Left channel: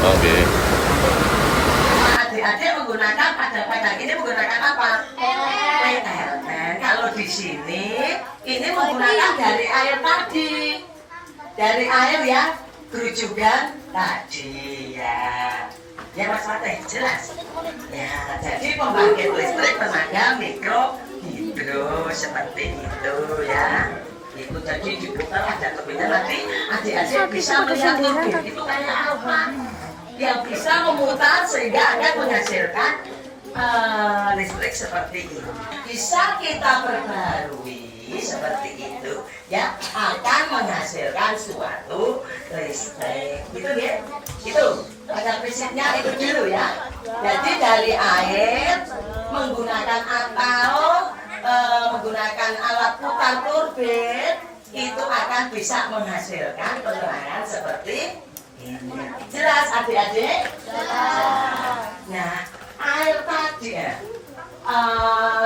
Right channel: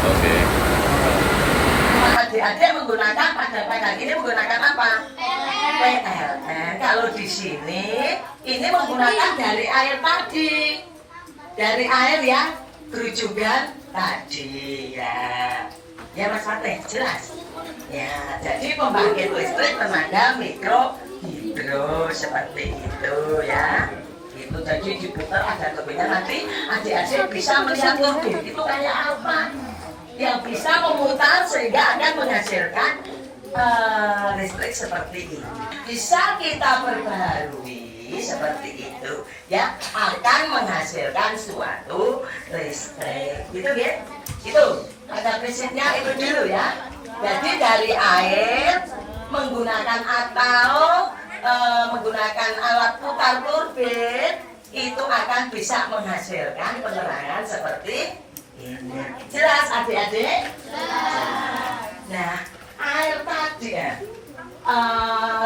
Oke. Adik-adik menggunakan pada ini menggunakan apa? PLN. Kalau di sini ini menggunakan dari air tadi, dari air yang kerujukan tadi ya. Ya Mas Fatih, jelas. Ya, jadi pembangkit listrik tenaga mikro hidro seperti itu ya. Itu jadi diputar ada turbinnya, nanti adik-adik bisa melihat turbin itu kayak apa yang bisa memutar sehingga akan menghasilkan listrik seperti ini. Bisa kita perbaharui seperti itu ya, akan menghasilkan suatu listrik gitu ya. Itu ada prinsipnya itu dulu ya. Jadi dari air menggunakan atau menggunakan alat putar turbin itu akan bisa menghasilkan penerangan seperti ini. Jelas adik-adik? Nah, air tadi ya,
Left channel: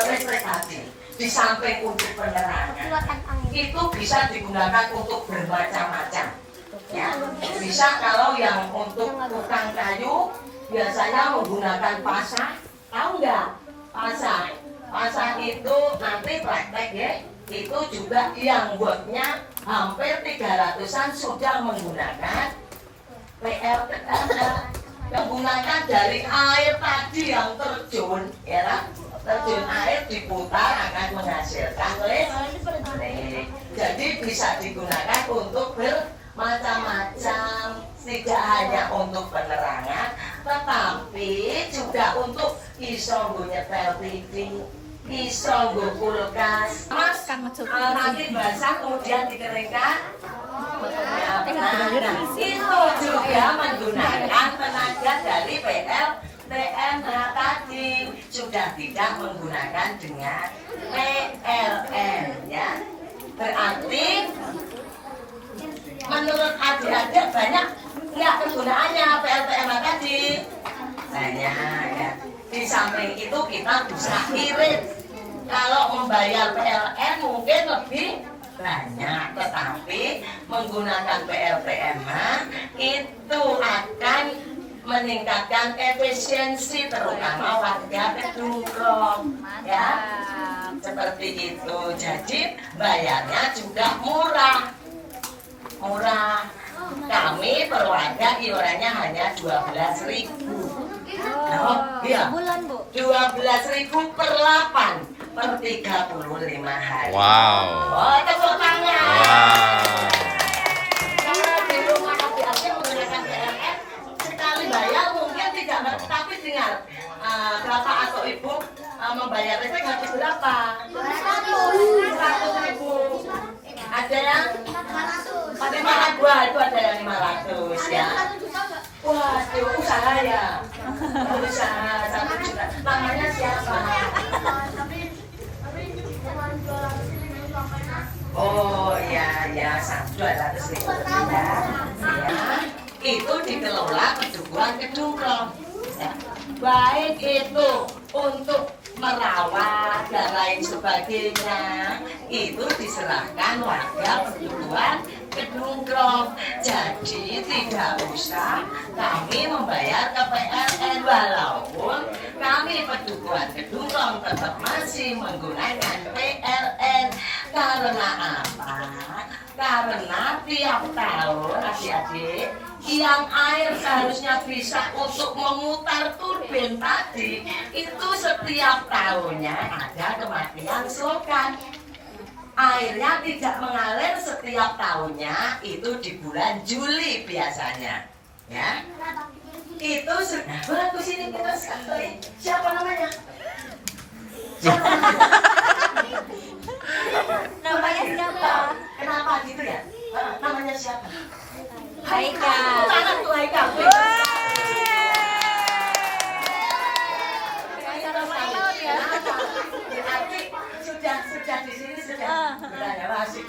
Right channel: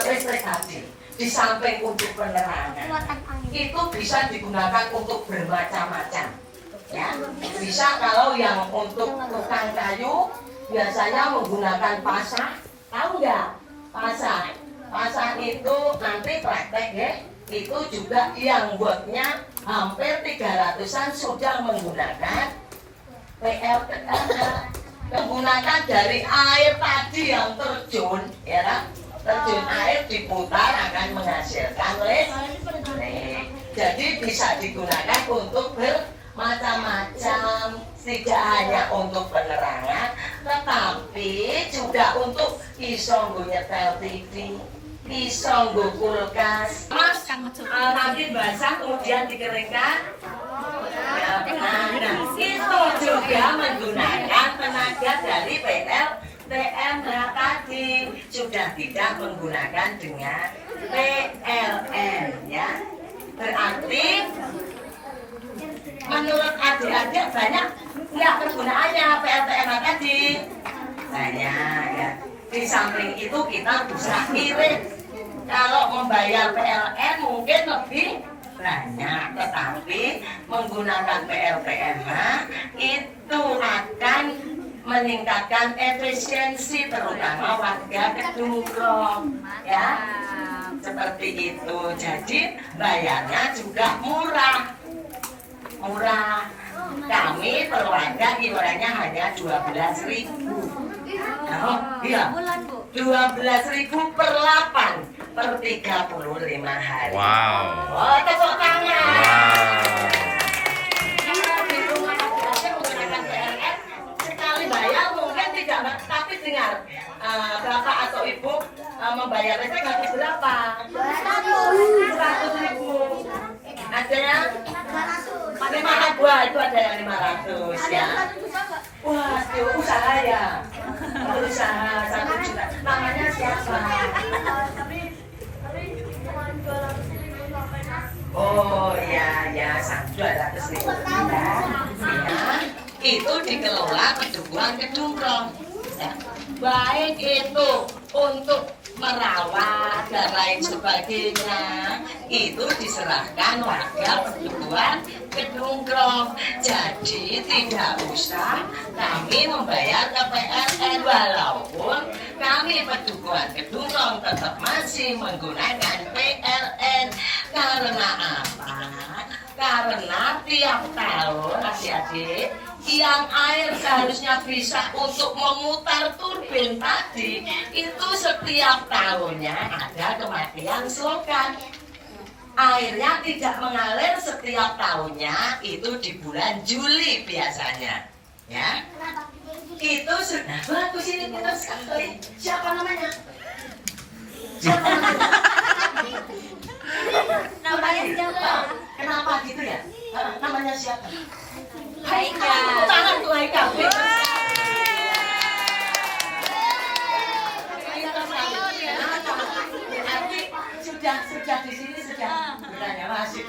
listrik tadi di samping untuk penerangan itu bisa digunakan untuk bermacam-macam ya. Bisa kalau yang untuk tukang kayu biasanya menggunakan pasak, tahu nggak? Pasak itu nanti praktek ya, itu juga yang buatnya hampir 300-an sudah menggunakan PLN, menggunakan dari air tadi yang terjun ya, terjun air diputar akan menghasilkan listrik. Jadi bisa digunakan untuk bermacam-macam, tidak hanya untuk penerangan tetapi juga untuk iso nyetel TV, iso kulkas. Mas, nanti basah kemudian dikeringkan. Ya, nah, itu juga menggunakan tenaga dari PLN tadi, sudah tidak menggunakan dengan PLN ya. Berarti menurut adik-adik banyak nggak kegunaannya PLN tadi? Banyak ya. Di samping itu kita bisa irit. Kalau membayar PLN mungkin lebih banyak, tetapi menggunakan PLN itu akan meningkatkan efisiensi terutama warga Kedungkron ya, seperti itu. Jadi bayarnya juga murah. Kami per warga iurannya hanya 12.000. Oh, iya. 12.000 per 8 per 35 hari. Wow. Oh, tepuk tangan. Wow. Kalau di rumah adik-adik menggunakan PLN sekali bayar mungkin tidak, tapi dengar bapak atau ibu membayar listrik habis berapa? 100.000. Ada yang 500, itu ada yang 500 ya. Wah, usaha ya. Berusaha 1 juta. Namanya siapa? Oh iya ya, 200.000 ya. Itu dikelola Pedukuhan Kedungkron. Ya. Baik itu untuk merawat dan lain sebagainya, itu diserahkan warga Pedukuhan Kedungkron. Jadi tidak usah kami membayar ke PLN, walaupun kami Pedukuhan Kedungkron tetap masih menggunakan PLN. Karena apa? Karena tiap tahun adik-adik yang air seharusnya bisa untuk memutar turbin tadi, itu setiap tahunnya ada kematian selokan. Airnya tidak mengalir setiap tahunnya, itu di bulan Juli biasanya ya. Itu sudah bagus, ini pintar sekali. Siapa namanya? Siapa namanya? Kenapa gitu ya? Namanya siapa? Haikal. Tangan tuh Haikal. Berarti sudah di sini sudah bertanya masih.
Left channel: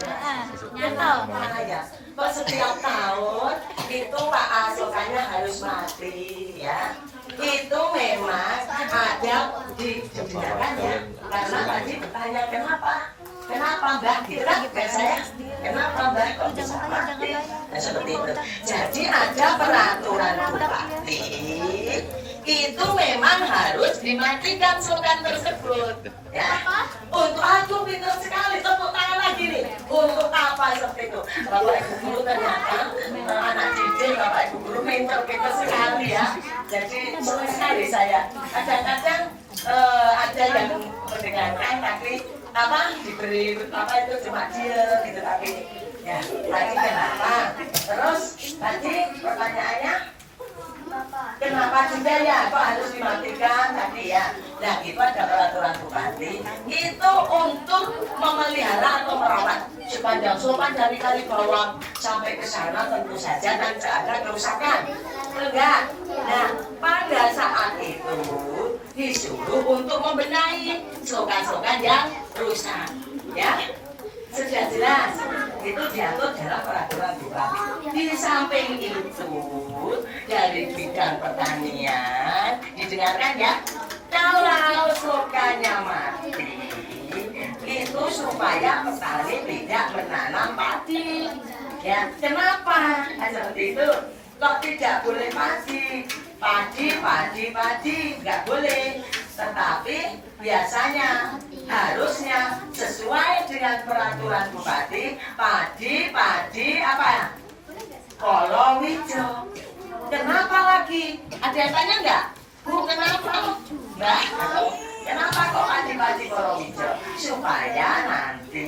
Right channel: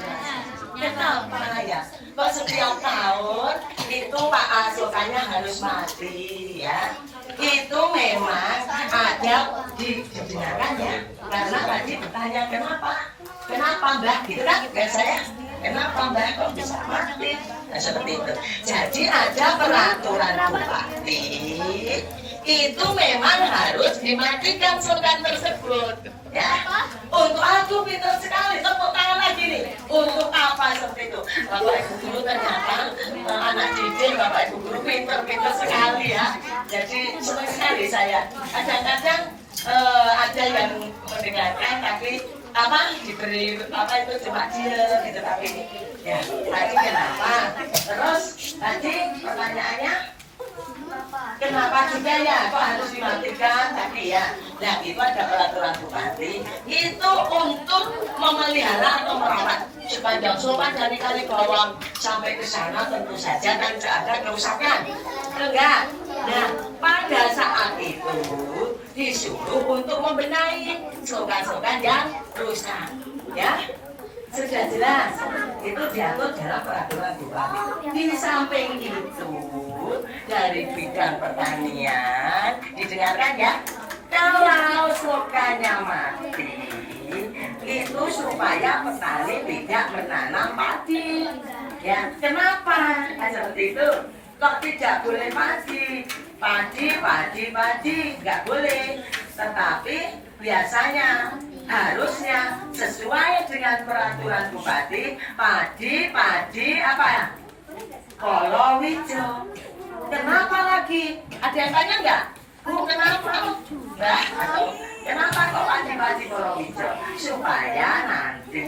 Kenapa ya? Kok setiap tahun itu Pak Asokannya harus mati ya. Itu memang ada didengarkan ya. Karena tadi bertanya kenapa Mbah gitu kan saya. Kenapa Mbah kok bisa mati? Nah, seperti itu. Jadi ada peraturan bupati itu memang harus dimatikan sultan tersebut ya. Untuk aku pintar sekali, tepuk tangan lagi nih. Untuk apa seperti itu? Bapak Ibu guru ternyata anak didik Bapak Ibu guru pintar sekali ya. Jadi senang sekali saya. Kadang-kadang ada yang mendengarkan tapi diberi itu cuma dia gitu tapi ya tadi kenapa? Terus tadi pertanyaannya kenapa juga ya kok harus dimatikan tadi ya? Nah itu ada peraturan bupati itu untuk memelihara atau merawat sepanjang sopan dari kali bawang sampai ke sana tentu saja dan tidak ada kerusakan, enggak? Nah pada saat itu disuruh untuk membenahi slogan-slogan yang rusak, ya sudah jelas. Itu diatur dalam peraturan bupati. Di samping itu dari bidang pertanian didengarkan ya, kalau slogannya mati itu supaya petani tidak menanam padi. Ya, kenapa? Seperti itu. Kok tidak boleh padi, nggak boleh. Tetapi biasanya harusnya sesuai dengan peraturan bupati padi apa? Kolowija. Kenapa lagi? Ada yang tanya nggak? Bu, kenapa? Mbak, kenapa kok padi kolowija? Supaya nanti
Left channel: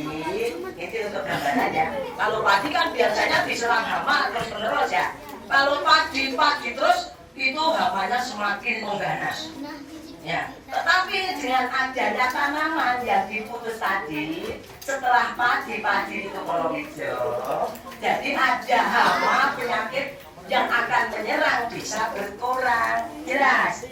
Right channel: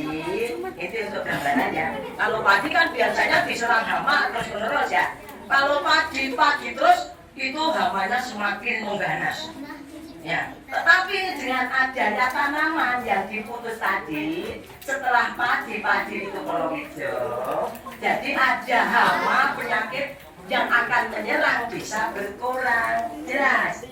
itu untuk gambarannya. Kalau padi kan biasanya diserang hama terus menerus ya. Kalau padi terus itu hamanya semakin mengganas. Ya, tetapi dengan adanya tanaman yang diputus tadi setelah padi itu kolowija, jadi ada hama penyakit yang akan menyerang bisa berkurang. Jelas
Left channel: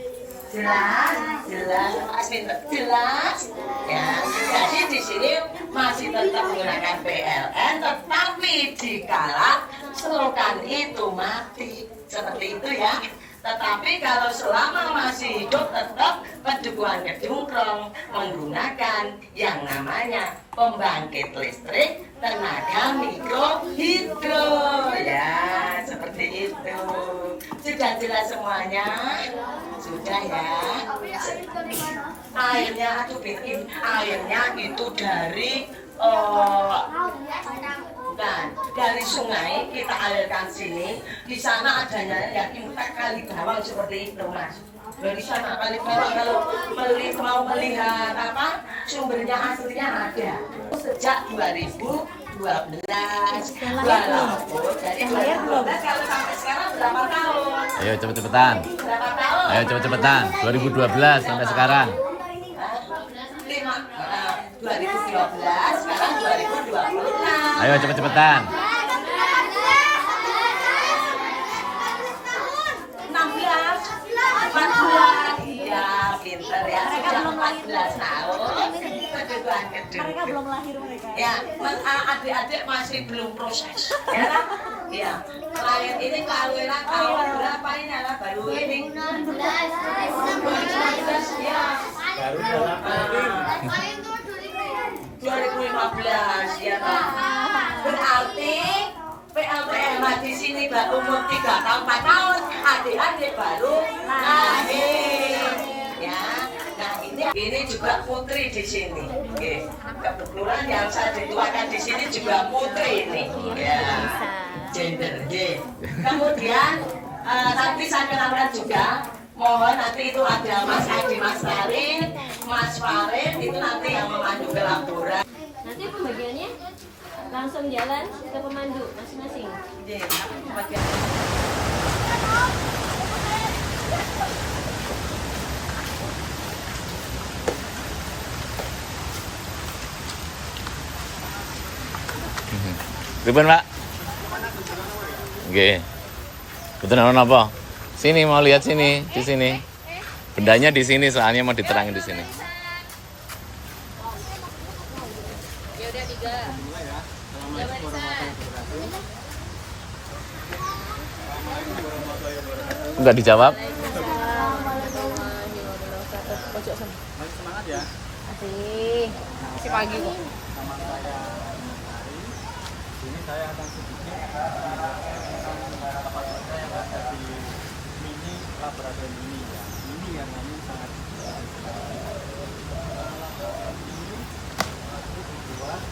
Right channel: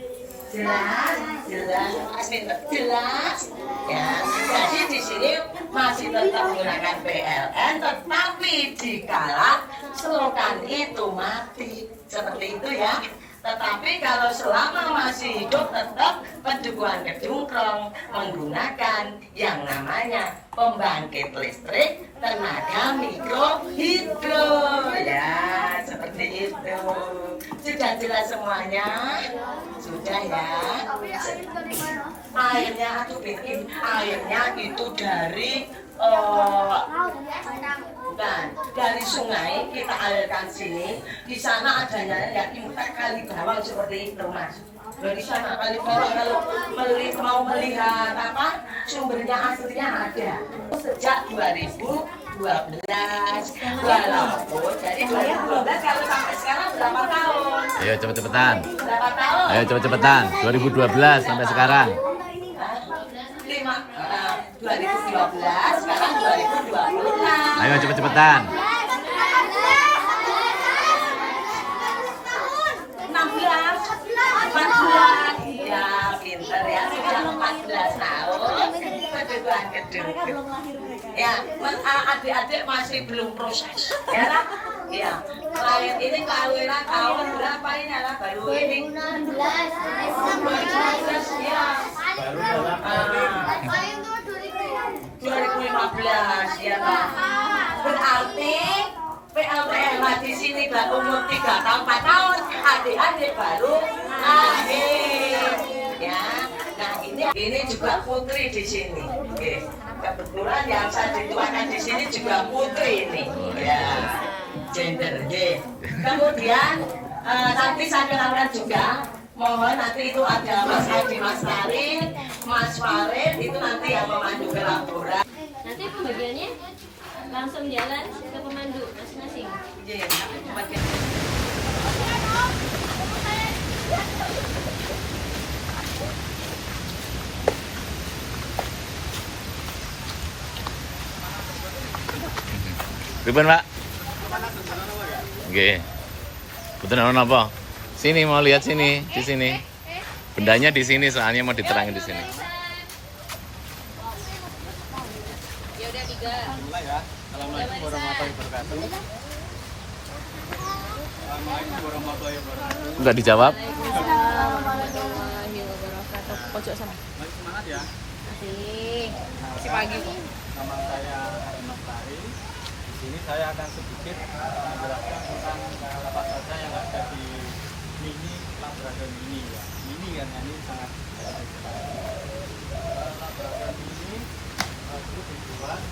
ya. Jadi di sini masih tetap menggunakan PLN, tetapi dikala slogan itu mati seperti itu ya. Tetapi kalau selama masih hidup tetap Pedukuhan Kedungkrong menggunakan yang namanya pembangkit listrik tenaga mikrohidro ya, seperti itu. Sudah jelas semuanya? Sudah ya. Airnya itu dari bukan dari sungai kita alirkan sini. Di sana adanya yang impact kali bawang seperti itu Mas. Dari sana kali bawang kalau mau melihat sumbernya aslinya ada sejak 2012. Walaupun jadi 2012 kalau sampai sekarang berapa tahun? Ayo cepet-cepetan. Berapa tahun? Ayo cepet-cepetan. 2012 sampai sekarang. 2012 sekarang 2020. Ayo cepet-cepetan. 14 iya pinter ya, sudah 14 tahun Pedukuhan Kedungkrong ya. Adik-adik masih belum proses ya lah ya. Klien ini kawinan tahun berapa ini lah? Baru ini 2016 ya. 2015 ya Pak. Berarti PLTMH di sini baru umur 3 tahun 4 tahun, adik-adik baru lahir ya. Nah ini juga putri di sini. Oke. Kebetulan yang saya dituakan di sini juga putri ini ya. Gender G. Kemudian nanti saya kenalkan juga. Mohon nanti itu ada Mas Adi, Mas Karin, Mas Farid itu nanti yang memandu ke laporan. Nanti pembagiannya langsung jalan ke pemandu masing-masing. Iya. Ribet Pak? Oke. Betul apa? Sini mau lihat sini, di sini. Bendanya di sini soalnya mau diterangin di sini. Enggak dijawab. Semangat ya. Masih pagi. Nama saya Adi Mastari. Di sini saya akan sedikit menjelaskan tentang apa saja yang ada di mini laboratorium ini ya. Mini karena ini sangat sekali. Laboratorium ini terus dibuat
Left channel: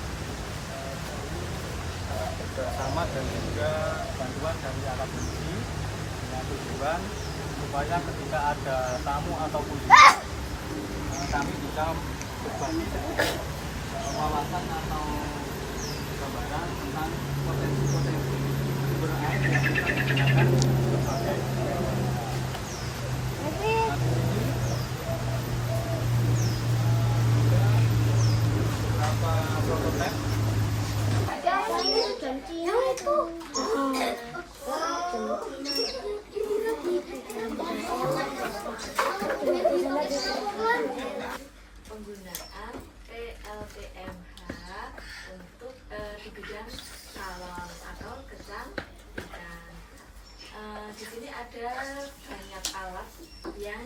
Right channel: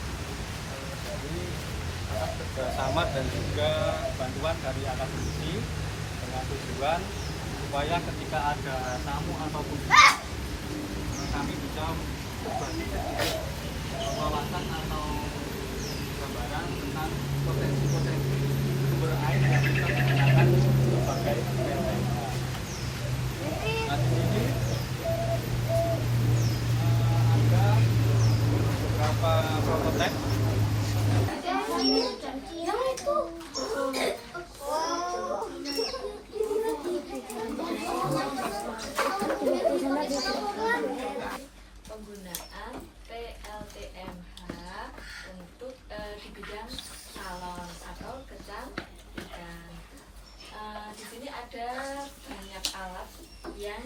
dari atas kerjasama dan juga bantuan dari akademisi dengan tujuan supaya ketika ada tamu ataupun kami bisa berbagi wawasan atau gambaran tentang potensi-potensi sumber air yang bisa digunakan sebagai PLTH. Nah, di sini ada beberapa prototipe. Penggunaan PLTMH untuk di bidang sawang atau kecang ikan. Di sini ada banyak alat yang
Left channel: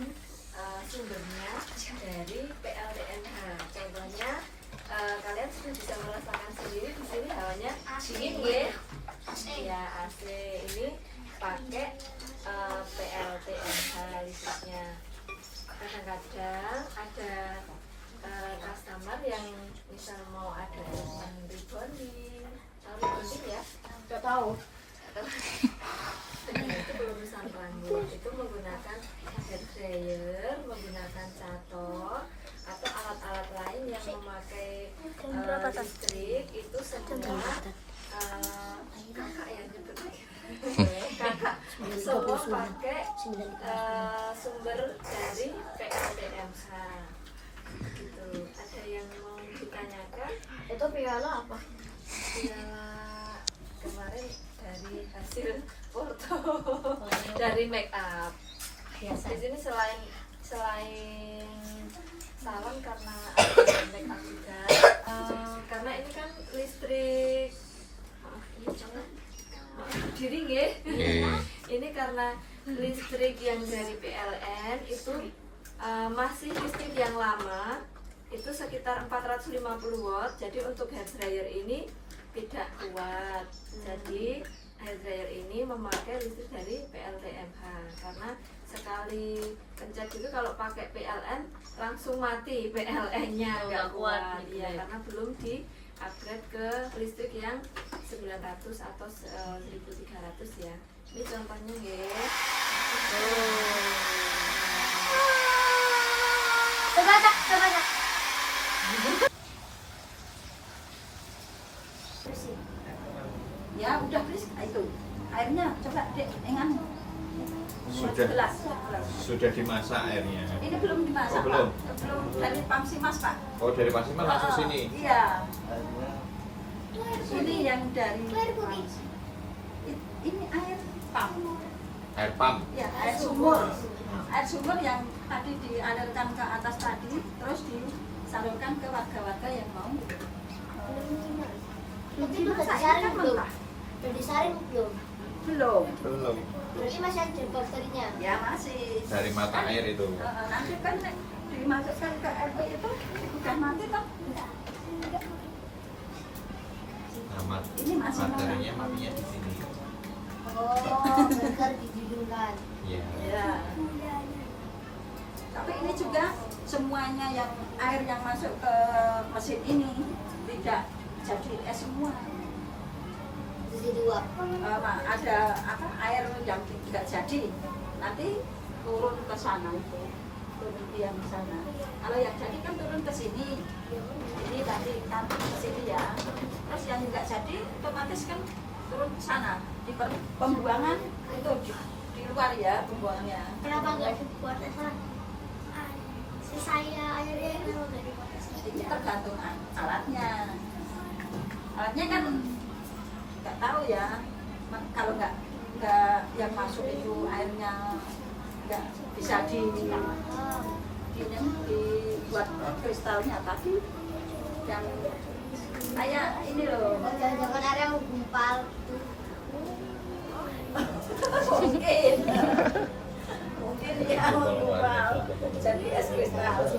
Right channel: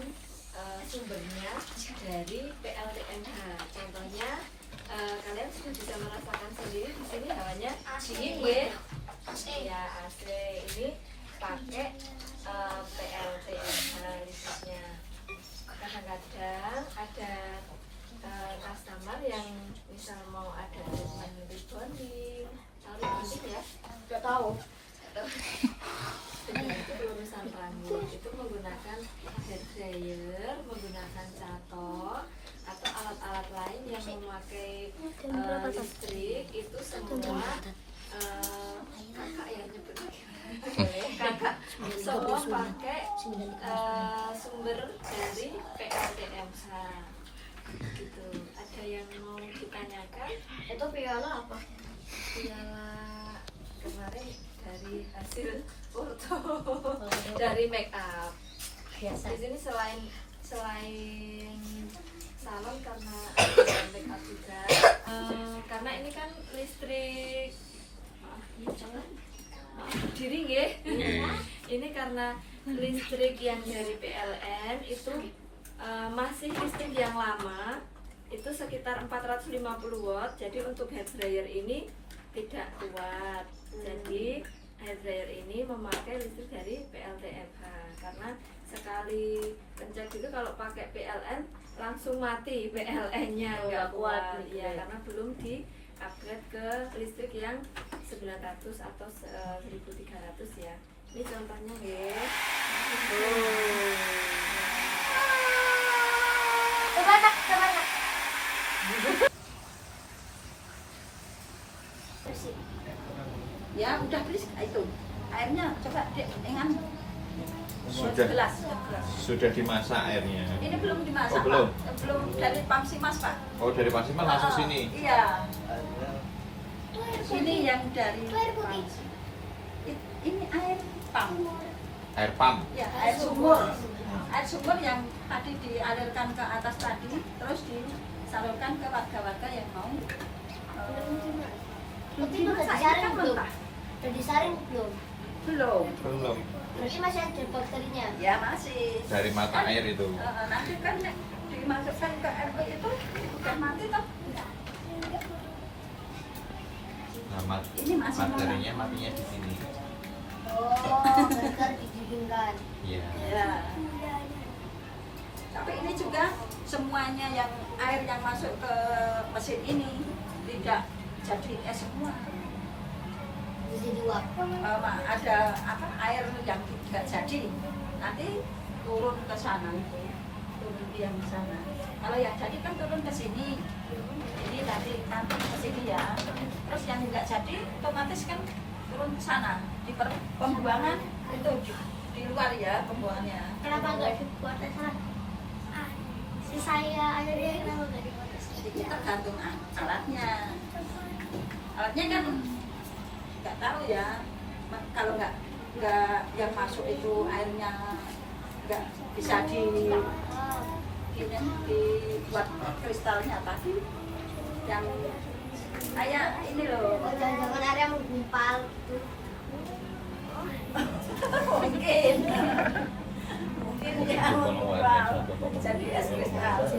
sumbernya dari PLTMH. Contohnya kalian sudah bisa merasakan sendiri di sini hawanya dingin ya. Ya AC ini pakai PLTMH listriknya. Kadang-kadang ada customer yang misal mau ada rebonding, tahu rebonding ya? Nggak tahu. Itu pelurusan rambut itu menggunakan hair dryer, menggunakan catok atau alat-alat lain yang memakai listrik itu semua kakak ya nyebut kakak semua pakai sumber dari PLTMH gitu. Ada yang mau ditanyakan? Itu piala apa? Piala kemarin dari hasil foto dari make up. Di sini selain salon karena ada make up juga. Karena ini kan listrik ini jangan diri ya. Ini karena listrik yang dari PLN itu masih listrik yang lama itu sekitar 450 watt. Jadi untuk hair dryer ini tidak kuat. Jadi hair dryer ini memakai listrik dari PLTMH karena sekali pencet itu kalau pakai PLN langsung mati PLN-nya nggak kuat ya karena belum di upgrade ke listrik yang 900 atau 1300 ya. Ini contohnya ya. Ya udah please itu airnya coba dek dengan gelas. Sudah dimasak airnya. Ini belum dimasak Oh, belum? Pak. Belum dari Pamsimas Pak. Oh, dari Pasiman langsung sini. Iya. Ini yang dari ini air pam. Air pump. Ya, air sumur. Air sumur yang tadi dialirkan ke atas tadi terus disalurkan ke warga-warga yang mau dimasak. Ini kan mentah. Udah disaring belum? Belum. Belum. Berarti masih ada bakterinya. Ya masih. Dari mata air itu. Nanti kan dimasukkan ke air itu udah mati toh. Nah, Ini masih materinya matinya di sini. Oh, benar didinginkan. Iya. Ya. Tapi ini juga semuanya yang air yang masuk ke mesin ini tidak jadi es semua. Jadi uap. Ada apa air yang tidak jadi nanti turun ke sana, turun ke yang sana. Kalau yang jadi kan turun ke sini. Ini tadi kan ke sini ya. Terus yang nggak jadi otomatis kan turun ke sana. Di pembuangan itu di luar ya pembuangannya. Kenapa nggak dibuat sana? Si saya airnya kenapa nggak dibuat sana? Jadi tergantung alatnya. Alatnya kan nggak tahu ya. Kalau nggak yang masuk itu airnya nggak bisa dibuat kristalnya tadi yang kayak ini loh. Jangan-jangan airnya menggumpal gitu. Mungkin. Mungkin dia mau berubah jadi es-es terasi.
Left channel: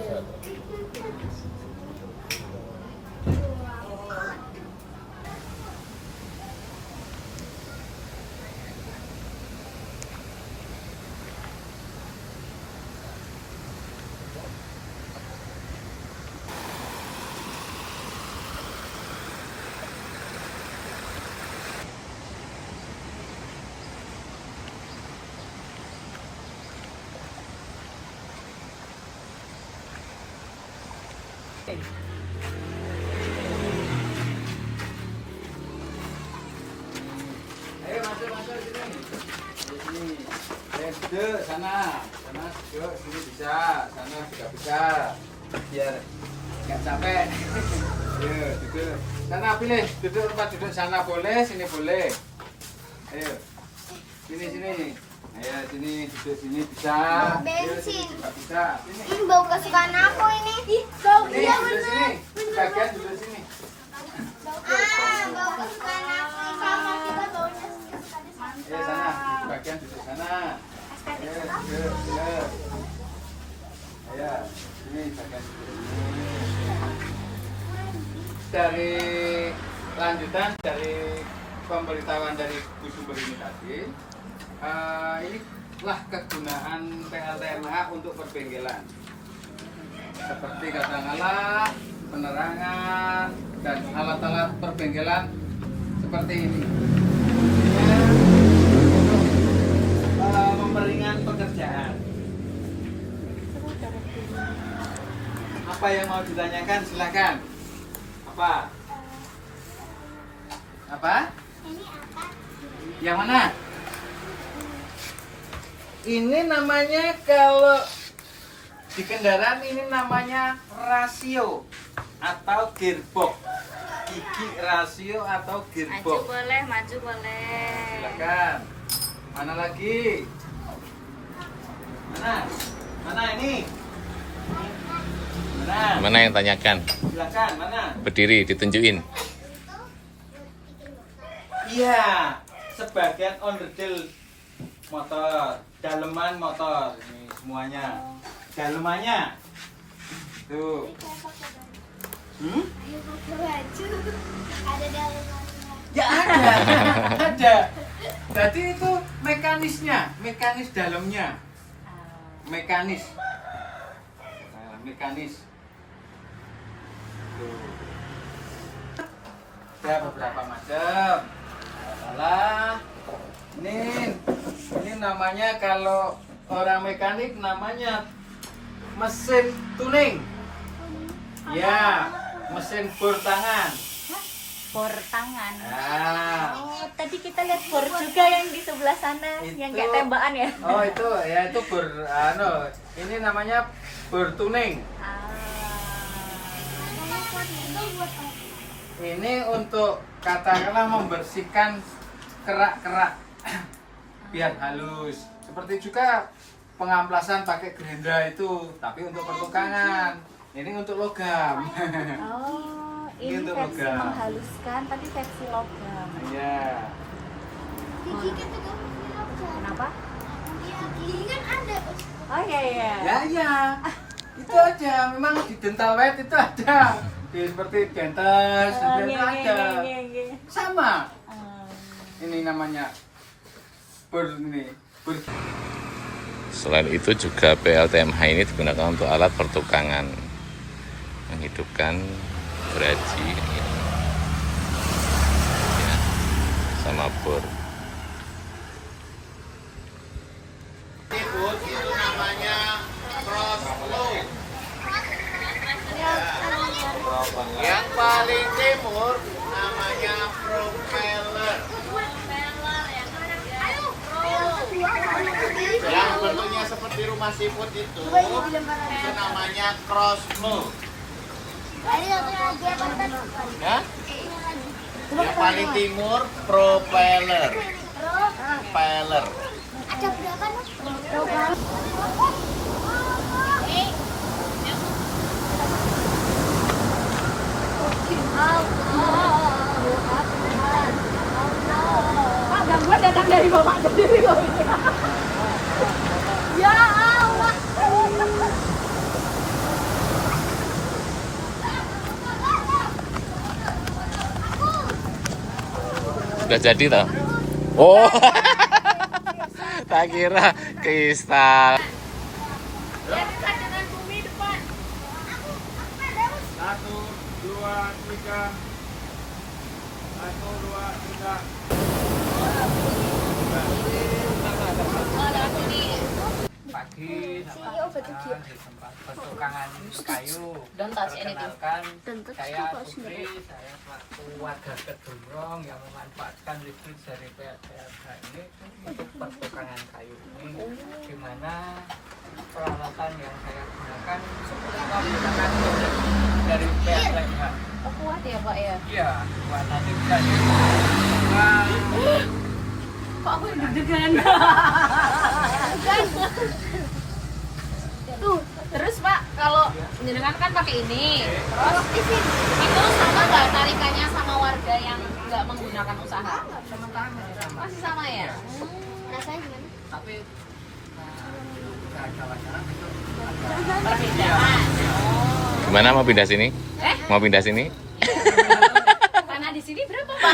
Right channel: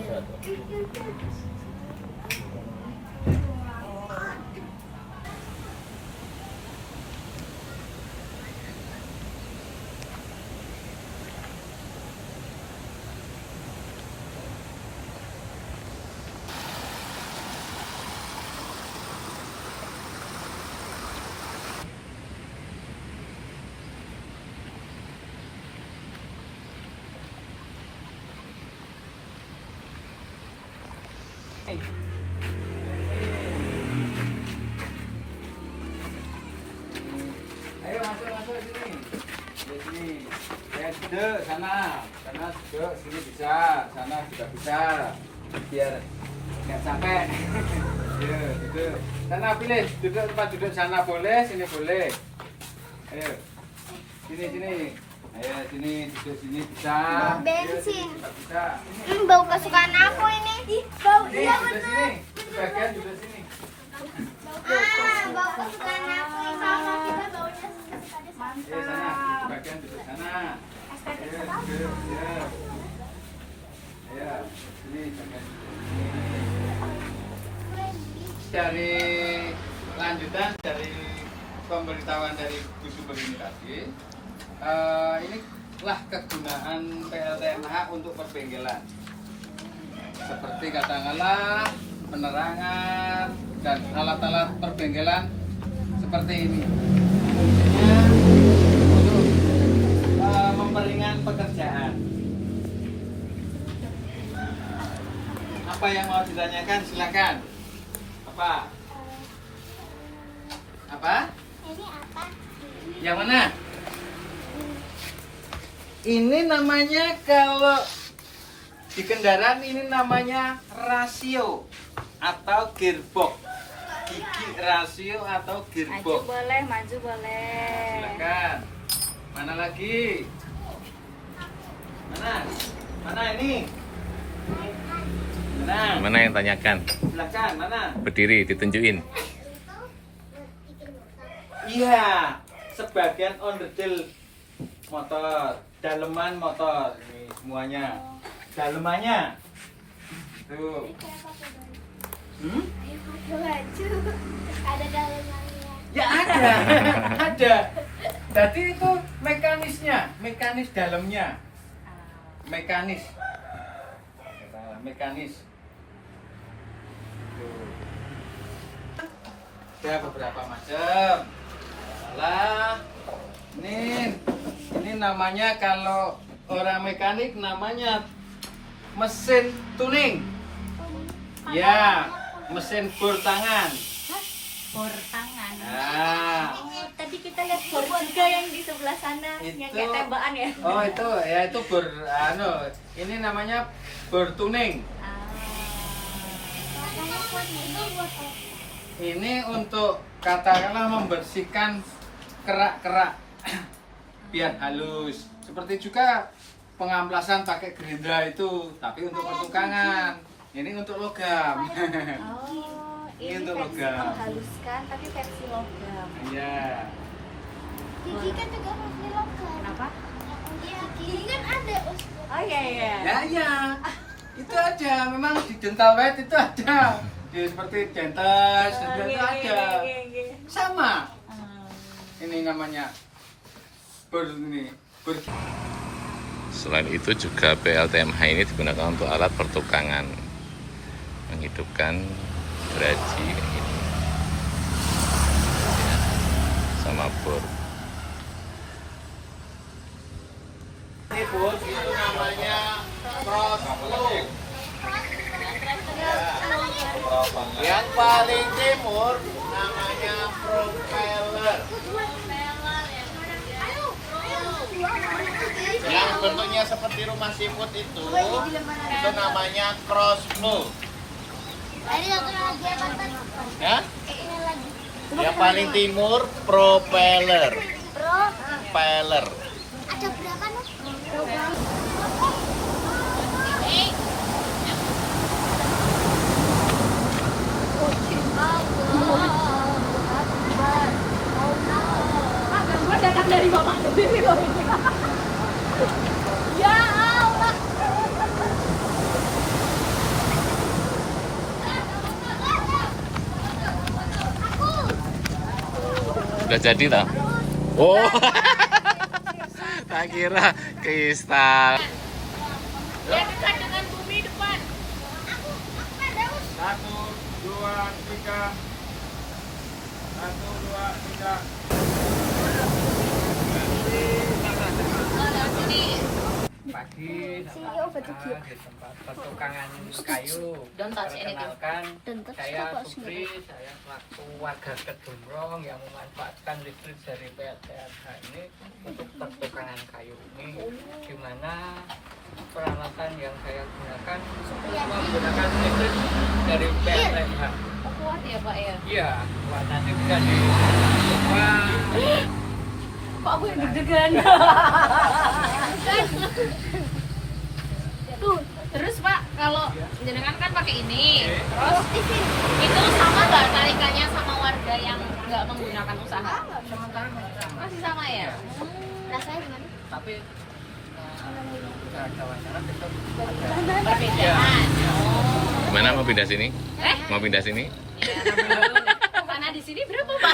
Ayo masuk sini. Sini. Duduk sana duduk, sini bisa, sana juga bisa. Biar nggak capek. Duduk. Sana pilih, duduk tempat duduk sana boleh, sini boleh. Ayo. Sini. Ayo sini, duduk sini bisa. Ayo, sini juga bisa. Sini. Bau kesukaan aku ini. Sini, duduk sini. Bagian duduk sini. Bau kesukaan aku. Sama kita baunya kesukaan. Ayo sana, bagian duduk sana. Ayo. Ayo, sini bagian duduk. Dari lanjutan dari pemberitahuan dari Bu Sumber ini tadi, inilah kegunaan PLTMH untuk perbengkelan. Seperti katakanlah penerangan dan alat-alat perbengkelan seperti ini. Untuk memperingan pekerjaan. Apa yang mau ditanyakan silakan. Apa? Yang mana? Ini namanya kalau di kendaraan ini namanya rasio atau gearbox. Gigi rasio atau gearbox. Maju boleh. Silakan. Mana lagi? Mana ini? Mana yang tanyakan? Silakan, mana? Berdiri, ditunjukin. Iya, sebagian onderdil motor, daleman motor, ini semuanya. Dalemannya. Tuh. Ada dalamnya. Ya ada. Jadi itu mekanisnya, mekanis dalamnya. Mekanis. Mekanis. Ada beberapa macam. Lah, ini namanya kalau orang mekanik namanya mesin tuning. Ya, mesin bor tangan. Bor tangan. Nah, Tadi kita lihat bor juga yang di sebelah sana, yang Itu- kayak tembakan ya. oh itu bor ini namanya bor tuning. Ini untuk katakanlah membersihkan kerak-kerak biar halus. Seperti juga pengamplasan pakai gerindra itu, tapi untuk pertukangan. Ini untuk logam. Oh, Ini ini untuk versi logam. menghaluskan tapi versi logam. Iya. Gigi kan juga punya logam. Kenapa? Gigi kan ada. Oh iya. Ya. Itu aja. Memang di dental weight itu ada. Di seperti dentist, Oh, itu ada. Sama. Ini namanya bor ini. Bor. Selain itu juga PLTMH ini digunakan untuk alat pertukangan, menghidupkan geraji ini, ya, sama bor. Itu namanya crossbow. Yang paling timur namanya propeller. Yang bentuknya seperti rumah seafood itu namanya crossbow. Ada satu lagi apa tadi? Ya? Ini lagi. Yang paling timur propeller. Pro. Propeller. Ada berapa nih? Pak, ganggu datang dari bapak sendiri kok. Ya Allah. Udah jadi tau? Oh, tak kira kristal. Ya dekat dengan bumi depan. 1, 2, 3. 1, 2, 3. Pagi sama di tempat pertukangan kayu. Perkenalkan, saya Supri, saya selaku warga Kedumrong yang memanfaatkan listrik dari PLTSH ini untuk pertukangan kayu ini. Di mana peralatan yang saya gunakan menggunakan listrik dari PLTSH. Oh, kuat ya Pak ya? Iya, buat nanti bisa dicoba. Kok aku yang deg-degan? Terus Pak, kalau jenengan kan pakai ini, terus itu sama nggak tarikannya sama warga yang nggak menggunakan usaha? Masih sama ya? Rasanya gimana? Tapi ada wacana besok Perbedaan. Oh. Gimana mau pindah sini? Mau pindah sini? Tanah di sini berapa Pak?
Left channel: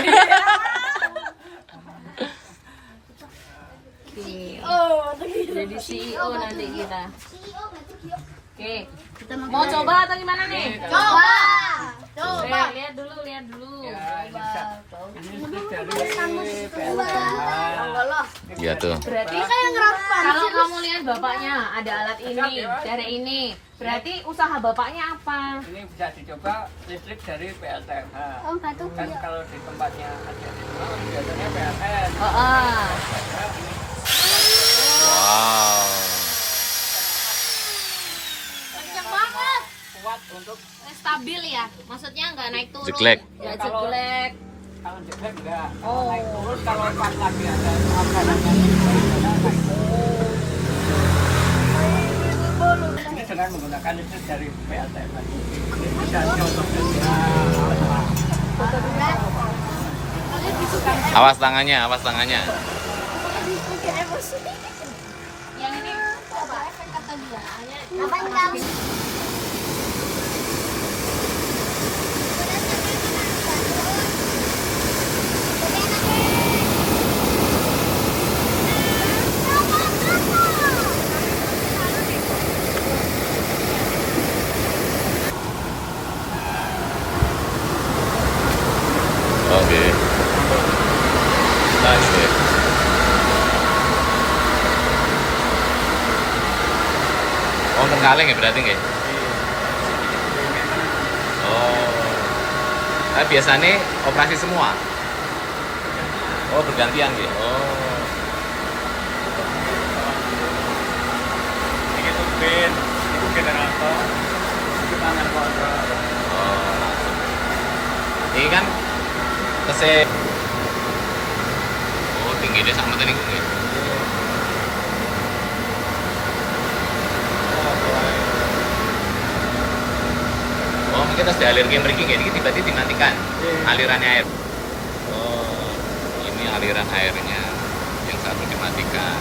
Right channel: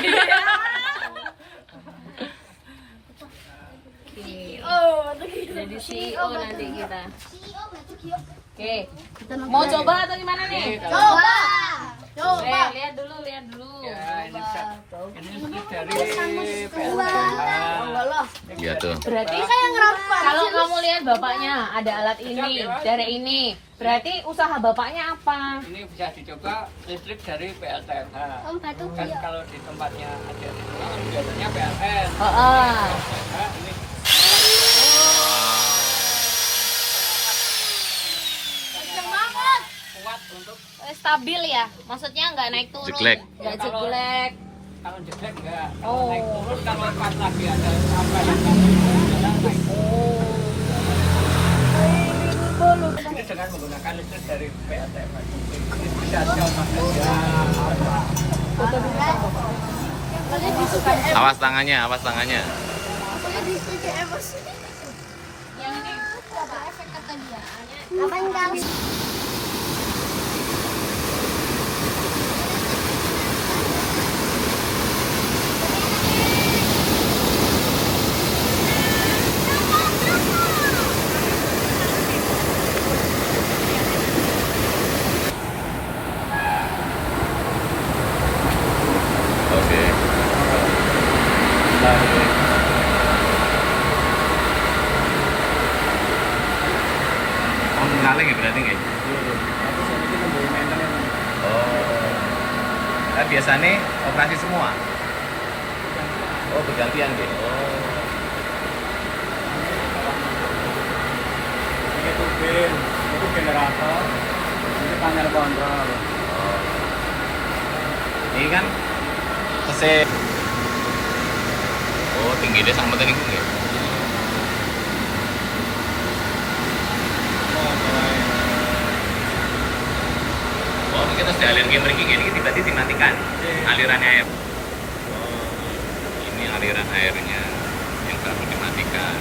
Jadi CEO nanti kita. CEO nggak tuh Gio? Oke, mau coba atau gimana nih? Coba. Lihat dulu. ya ini listrik dari PLTSH. Iya tuh. Berarti kalau kamu lihat bapaknya ada alat ini, dari ini. Berarti usaha bapaknya apa? Ini bisa dicoba listrik dari PLTSH. Om batu Kan Gio. kalau di tempatnya ada di rumah biasanya PLN. Ini Wow. Kenceng banget. kuat untuk Stabil ya, maksudnya nggak naik turun. Jeglek. Nggak jeglek. kalau jeblek enggak. Kalau naik turun kalau pas lagi ada apa yang naik ini dengan menggunakan listrik dari PLTSH. Ini sudah Awas tangannya, awas tangannya. Yang ini Coba efek kata dia. Apa yang Oke. Asik. Oh, kaleng ya berarti nggak? Oh. Tapi biasanya operasi semua. Oh, bergantian gitu. Oh. ini turbin, itu generator. Ini panel penggerak. Oh. Ini kan kese. Oh, tinggi deh sama tadi gue. Oh, kita sudah aliran lagi ini tiba-tiba dimatikan alirannya air. Oh, ini aliran airnya yang satu dimatikan.